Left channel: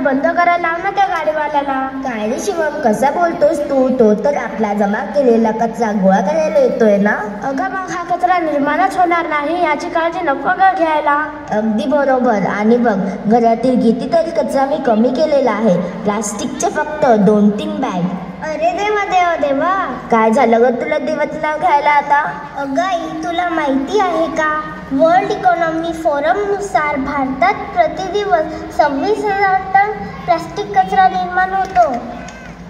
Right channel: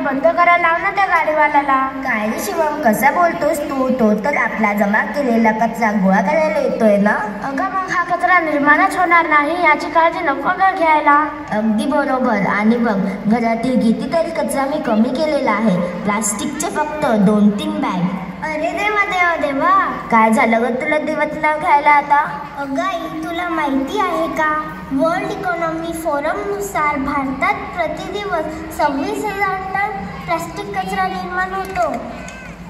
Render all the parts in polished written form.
बंद करायला लाव ना त्या गाडीवाल्याला. काय रे शिवम, कसा बोलतोस तू? तो तर आपला जमा केलेला कचरा गोळा करायला येतोय ना. अगं मग हा कचरा निर्माणच होणार नाही याची काळजी नको का घ्यायला. अगदी बरोबर. आणि बघ, घरातील कितीतरी कचरा मी कमी केलेला आहे. प्लास्टिकचे फक्त 2-3 बॅग. अरे देवा देवा देवा, काय झालं ग तुला देवत नाव घ्यायला आता? अगं आई, तुला माहिती आहे का, वर्ल्ड इकॉनॉमी फोरम नुसार भारतात प्रतिदिवस 26,000 टन प्लास्टिक कचरा निर्माण होतो.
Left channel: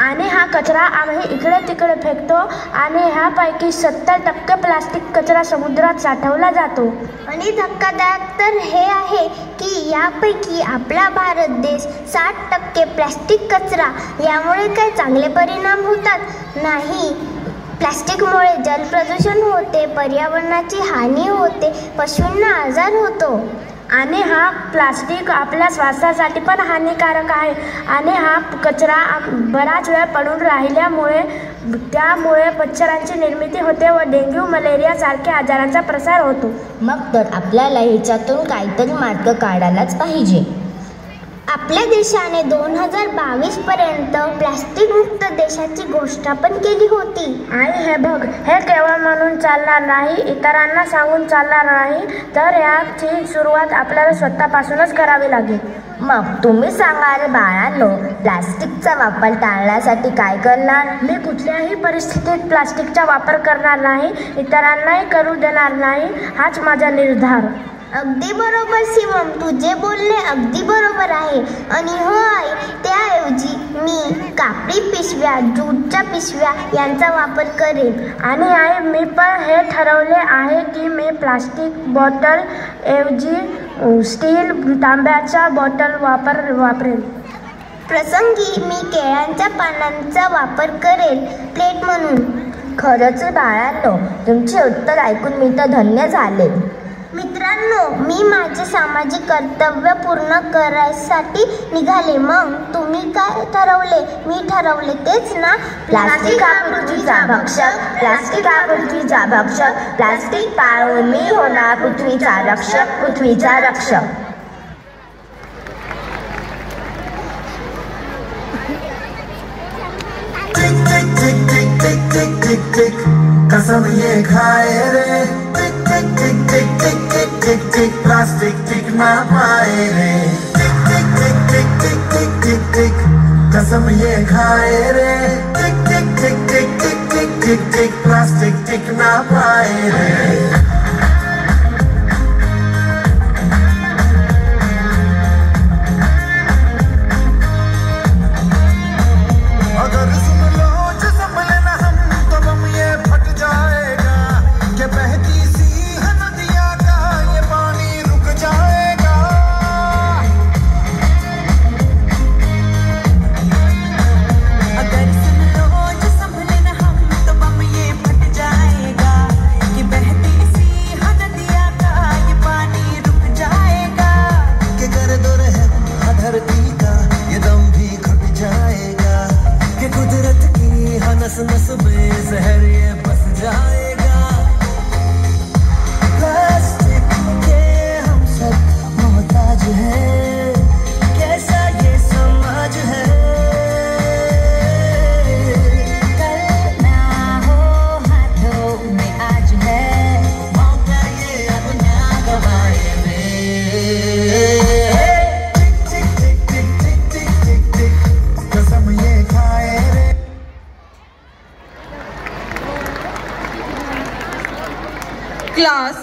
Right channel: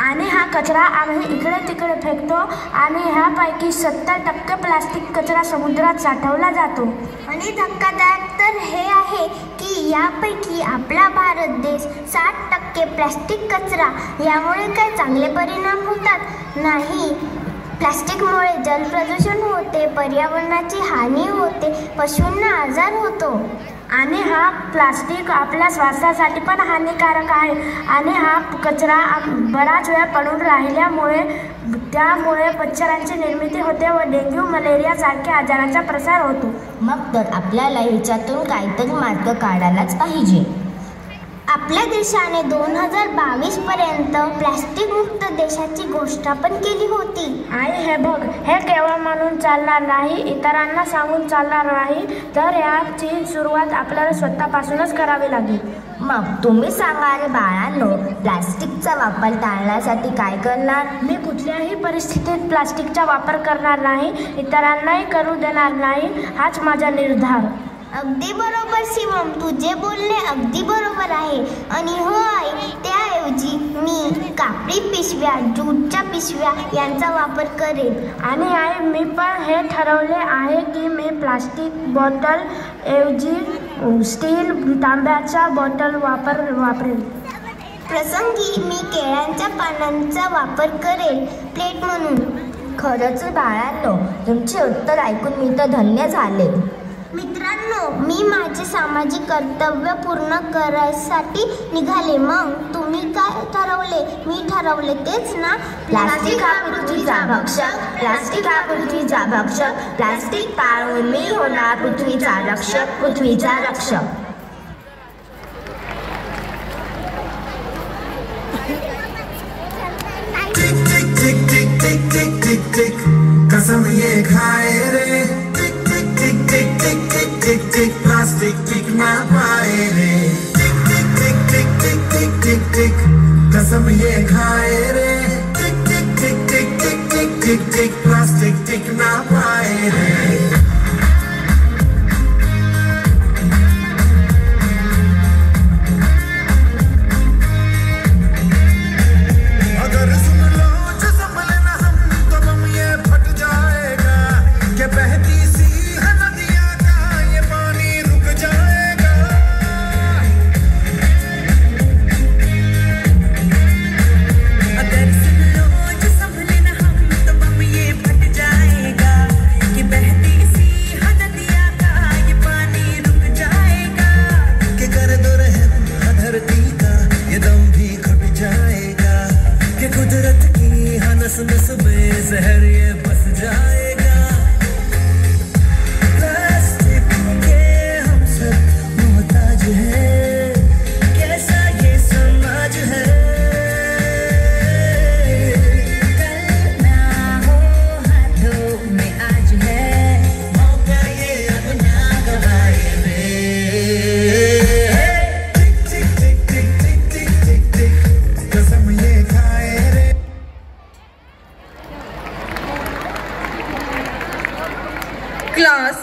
आणि हा कचरा आम्ही इकडे तिकडे फेकतो आणि ह्यापैकी 70% प्लास्टिक कचरा समुद्रात साठवला जातो. आणि धक्कादायक तर हे आहे की यापैकी आपला भारत देश 60% प्लास्टिक कचरा. यामुळे काय चांगले परिणाम होतात? नाही. प्लास्टिकमुळे जलप्रदूषण होते, पर्यावरणाची हानी होते, पशूंना आजार होतो. आणि हा प्लास्टिक आपल्या स्वास्थ्यासाठी पण हानिकारक आहे. आणि हा कचरा बराच वेळ पडून राहिल्यामुळे त्यामुळे मच्छरांची निर्मिती होते व डेंग्यू, मलेरिया सारख्या आजारांचा प्रसार होतो. मग तर आपल्याला ह्याच्यातून काहीतरी मार्ग काढायलाच पाहिजे. आपल्या देशाने 2022 पर्यंत प्लास्टिक मुक्त देशाची घोषणा पण केली होती. आणि हे बघ, हे केवळ म्हणून चालणार नाही, इतरांना सांगून चालणार नाही, तर याची सुरुवात आपल्याला स्वतःपासूनच करावी लागेल. मग तुम्ही सांगा रे बाळांनो, प्लास्टिकचा वापर टाळण्यासाठी काय करणार? मी कुठल्याही परिस्थितीत प्लास्टिकचा वापर करणार नाही, इतरांनाही करू देणार नाही, हाच माझा निर्धार. अगदी बरोबर शिवम, तुझे बोलणे अगदी बरोबर आहे. आणि हो आई, त्याऐवजी मी कापडी पिशव्या, ज्यूटच्या पिशव्या यांचा वापर करेन. आणि आई, मी पण हे ठरवले आहे की मी प्लास्टिक बॉटल ऐवजी स्टील, तांब्याच्या बॉटल वापरेन. प्रसंगी मी केळ्यांच्या पानांचा वापर करेल प्लेट म्हणून. खरंच बाळांनो, तुमचे उत्तर ऐकून मी तर धन्य झाले. मित्रांनो, मी माझे सामाजिक कर्तव्य पूर्ण करायसाठी निघाले. मग तुम्ही काय ठरवले? मी ठरवले तेच ना. प्लास्टिक हा पृथ्वीचा भक्षक, प्लास्टिक हा पृथ्वीचा भक्षक, प्लास्टिक टाळून मी होणार पृथ्वीचा रक्षक, पृथ्वीचा रक्षक. टिक टिक टिक टिक टिक टिक टिक टिक, कसम ये खाए रे. टिक टिक टिक टिक टिक टिक टिक टिक, प्लास्टिक टिक ना पाए रे. टिक टिक टिक टिक टिक टिक टिक टिक, कसम ये खाए रे. टिक टिक टिक टिक टिक टिक टिक टिक, प्लास्टिक टिक ना पाए रे. नस में जहर ये बस जाएगा. प्लास्टिक के हम सब मोहताज हैं, कैसा ये समाज है. कल ना हो हाथों में आज है मौका, ये अब ना गवाए रे. टिक टिक टिक टिक टिक टिक टिक टिक, कसम ये खाए रे. Class,